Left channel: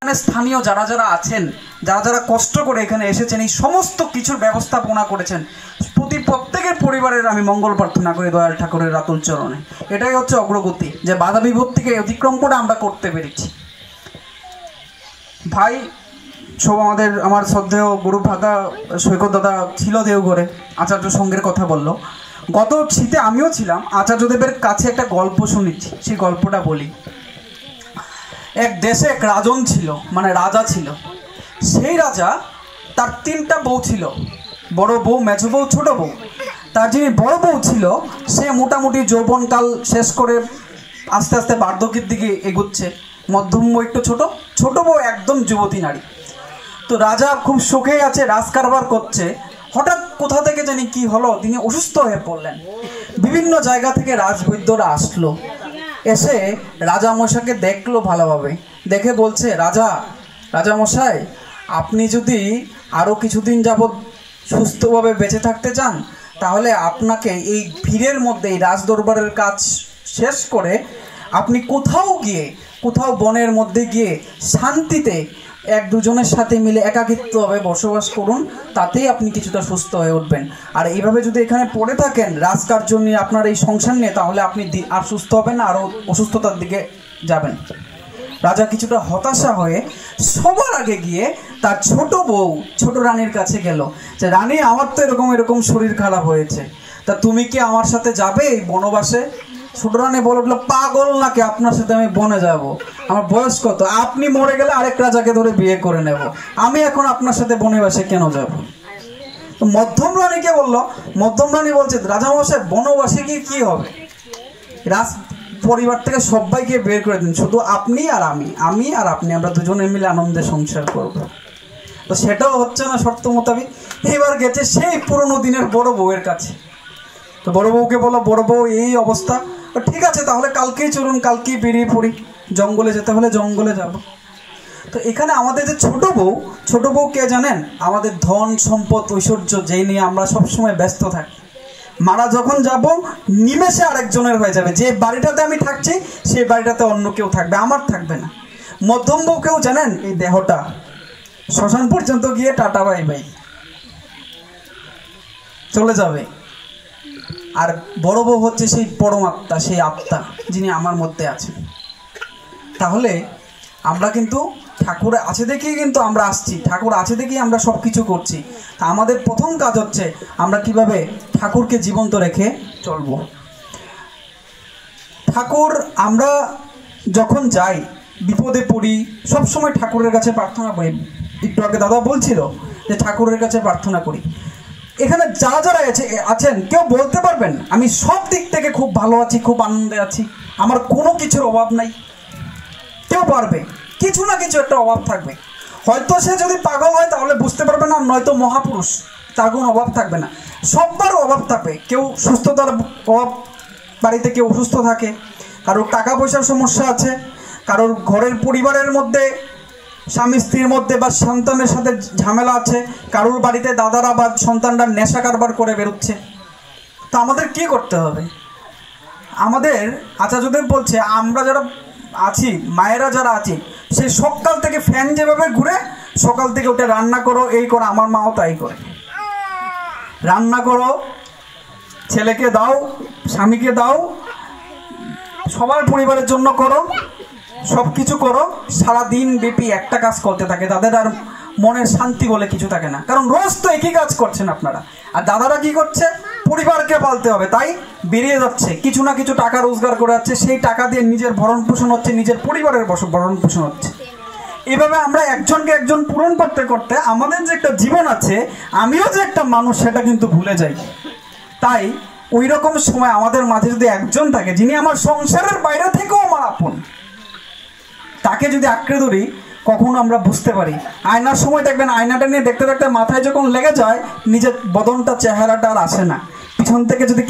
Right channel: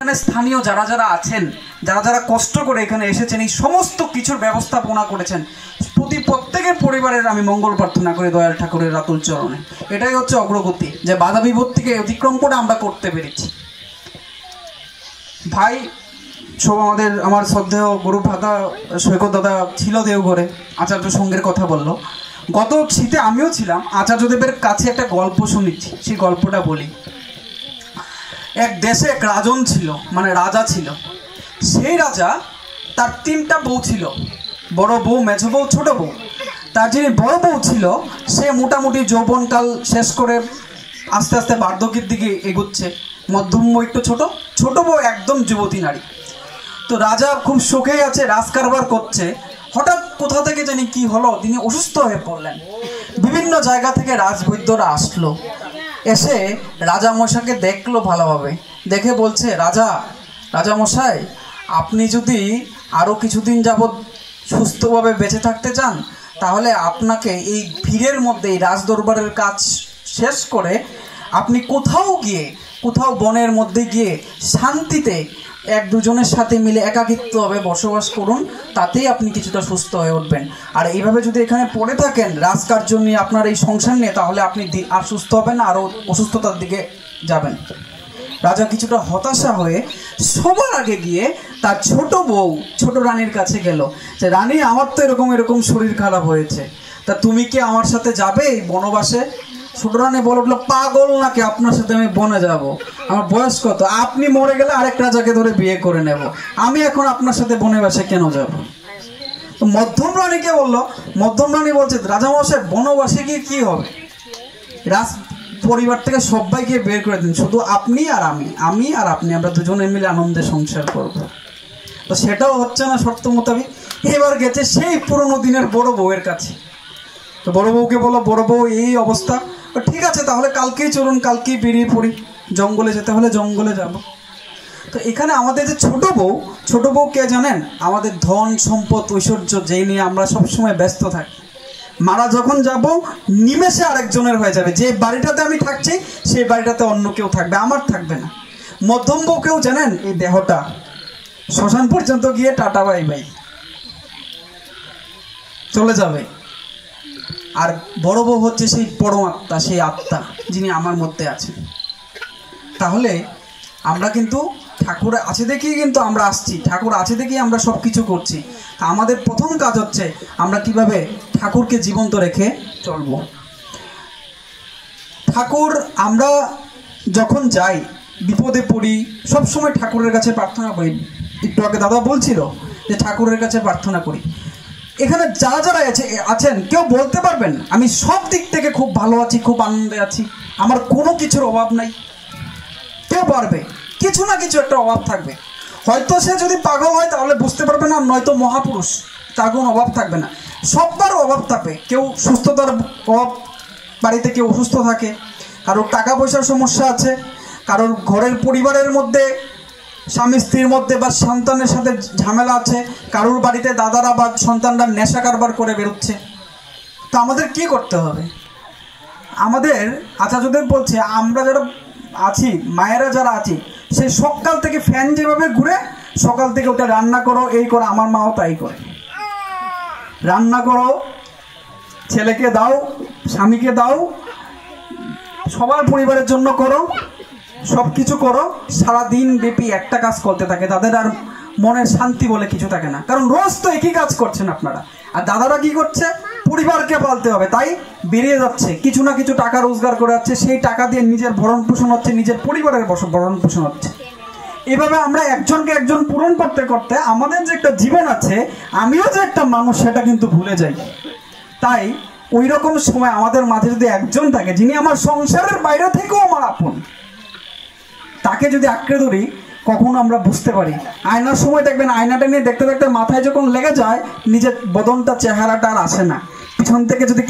স্থানীয় যারা যারা আছেন, যারা যারা কষ্ট করে এখানে এসেছেন, এই সমস্ত কিছুর ব্যবস্থাপনা করেছেন, প্রত্যেকের পরিবারের আমি মঙ্গল প্রার্থনা করি দয়াল ঠাকুরের রাতুল চরণে। এটাই হচ্ছে অগ্রগতি, যে বাধা বিপত্তিকে অতিক্রম করে আমরা করতে পেরেছি। ভাই সব আমার শ্রদ্ধেয় গুরু ভাতা সৈকত দাদা ছিল দেওঘরে, আচার্য সঙ্গের কথা বললো। গত শীতে আমিও ছিলাম, আচার্যদেবের কাছে একটা গল্প শুনেছি, সেই গল্পটা বলি। এক দেশে এক রাজন ছিল, মানে রাজা ছিল। সেই রাজা, তার 3টা বউ ছিল, বড় বউ, মেজ বউ, ছোট বউ। তার যিনি বড় বউ ছিল, সে মোটামুটি যৌবনকাল শেষ করে আস্তে আস্তে বার্ধক্যের দিকে এগুচ্ছে। মধ্যম বউ একটু ছোট, ছোট বউ একদম যুবতী নারী। তো রাজা খুব শোকেই আছে, রাজকারবার করছে। হঠাৎ কোথা থেকে জানি কি হলো, তিনি অসুস্থ হয়ে পড়লেন। বিভিন্ন জায়গা থেকে রাজবৈদ্যরা আসলো, এসে রাজা মশাইকে দেখলো ভালোভাবে, দেখে বলছে, রাজা মশাই, আপনি যদি আরও কিছুদিন যাবৎ সুস্থভাবে বেঁচে থাকতে চান, তাহলে আপনাকে এই ভিড়ের মধ্যে, এই রাজদরবারের কাজ শেষ করে আপনি কোথাও বনের মধ্যে গিয়ে শান্তিতে 1-2 জনের সাথে মিলে একাকিত্বভাবে বসবাস করুন, তাতেই আপনি কিছুটা সুস্থ হয়ে উঠবেন। আর এইভাবে যদি এখানে পড়ে থাকেন রাজকার্য নিয়ে, আপনার এই সংসার নিয়ে, তাহলে আপনি আর সুস্থ হবেন না, আরও অসুস্থতার দিকে যাবেন। রাজা কিছুটা হতাশা হয়ে সবার আগে গিয়ে তার ছোট বউ, ছোট রানীর কাছে গেল, যে রানী, আমার তো এরকম শরীর খারাপ হয়েছে, তা তুমি কি আমার সাথে যাবে এই বনবাসে? ছোট রানী বলে উঠলো, পাগল নাকি, আপনার সাথে আমি বনে যাব? আমার বয়স কত? আপনি মরে গেলে আরেক রাজাকে ধরে বিয়ে করে নেব, আমি এখন আপনার সাথে বনবাসে কেন যাব? তো মধ্যম রানীকে বললো, মধ্যম রানী বলছে, রাজামশাই, বনবাসে গিয়ে কি হবে? রাজ পরিবার থেকে সবাইকে বের করে দিন, শুধু আপনি আর আমি আর আপনি, আমরা দুজনে মিলে আনন্দে সংসার করব। তো সেটাও হচ্ছে না শর্ত মোতাবেক। এবার গেছে সেই পুরোনো দিনের বড় বউয়ের কাছে। তো বড় বউকে বলো, বড় বউ এই অবস্থা, ঠিক আছে তাহলে কালকেই চলুন, কালকেই বেরিয়ে পড়ি, জঙ্গলে যেতে হলে জঙ্গলে যাব। তো এখানে আমাদের যে ছোট বউ কে জানেন? আমাদের ধন সম্পদ ঐশ্বর্য যেই নিয়ে আমরা সবসময় ব্যস্ত থাকি। মারা যখন যাব, নিমেষে আরেকজনের হয়ে যাবে। যে বাড়িটাতে আমি থাকছি, সেই বাড়িটাতে অন্য কেউ থাকবে, আমার থাকবে না। মধ্যম বউকেও জানেন, এই দেহটা শ্মশান পর্যন্ত গিয়ে টাটা বাই বাই চলে যাবে। আর বড় বউ হচ্ছে সেই পরমাত্মা, সেই আত্মা, যিনি আমার মধ্যে আছেন। তাহলে আমরা কিন্তু ঠাকুর আছে দেখেই কিন্তু আমরা আসছি, ঠাকুর আছে দেখেই আমরা সব কিছু করছি। তা আমাদের প্রথম কাজ হচ্ছে আমরা কিভাবে ঠাকুরকে জীবন্ত রেখে চলবো। ঠাকুর, আমরা যখন যাই, বিপদে পড়ি, সবসময় ঠাকুরের কাছে প্রার্থনা করি। একটু আগে দাদা বলছিল যে ঠাকুরের কাছে প্রার্থনা করি। এখানে যারা যারা আছেন, কেউ বলতে পারবেন আমি সব দিক থেকে খুব ভালো আছি, খুব আনন্দে আছি, আমার কোনো কিছুর অভাব নাই? কেউ পারবে? কিছু না কিছু একটা অভাব থাকবে। হয়তো সে যদি পাগল হয় তাহলে বুঝতে পারবে না, নয়তো মহাপুরুষ, তার কোনো অভাব থাকবে না। সবার অভাব থাকবে। কেউ সুস্থতার অভাব, বাড়িতে কেউ অসুস্থ থাকে, কারোর টাকা পয়সার সমস্যা আছে, কারোর ঘরের পরিবারের মধ্যে স্বামী স্ত্রীর মধ্যে বা সন্তানের সাথে ঝামেলা আছে, কারোর বাড়িতে দাদারা বা সন্তানরা নেশা কারবার করে বেরোচ্ছে। তো আমাদের কি করতে হবে? আমাদের আচার্যদেব বলছে, আমরা যারা আছি, মায়েরা যারা আছি, সে সকাল থেকে ফ্যান যেভাবে ঘুরে, সকাল থেকে ওটা রান্না করো, এই করো। আমার মাও তাই করে, রান্না করো, ছেলেকে দাও, স্বামীকে দাও, সবার পরিবারের জন্য করো, সব কিছু করো। সারাদিন ব্যাপী একটা কাজ করতে থাকে, তাদের আর মনের শান্তি বলে কিছু থাকে না, কারণ রোজ তো একই কাজ করছেন আপনারা। আর দাদারা কি করছে? পরিবারকে পালতে হবে, তাই বেরিয়ে যাচ্ছে, কিছু না কিছু টাকা রোজগার করে যাচ্ছে, সেই টাকা দিয়ে নিজের ভরণ পোষণ হচ্ছে, নিজের পরিবারের ভরণ পোষণ হচ্ছে। এভাবে আমরা একজনকে একজন পূরণ করতে করতে আমাদের যে একটা জীবন আছে, আমিও যে একটা মানুষ, সেটা কিন্তু ভুলে যাই। তাই ওই রকম সময় আমাদের মাঝে যদি একজন থাকে, যিনি আমার সংসারের বাইরে থেকেও আমার আপন, তাকে যদি আঁকড়ে ধরি, কখনো আমরা বুঝতে পারি। আয়নার সময় দেখবেন, আয়নাটা নিয়ে দেখতে দেখতে মাথায় যখন লেগে যায়, নিজের বদনটা, চেহারাটা আর আসে না। পিছন থেকে যদি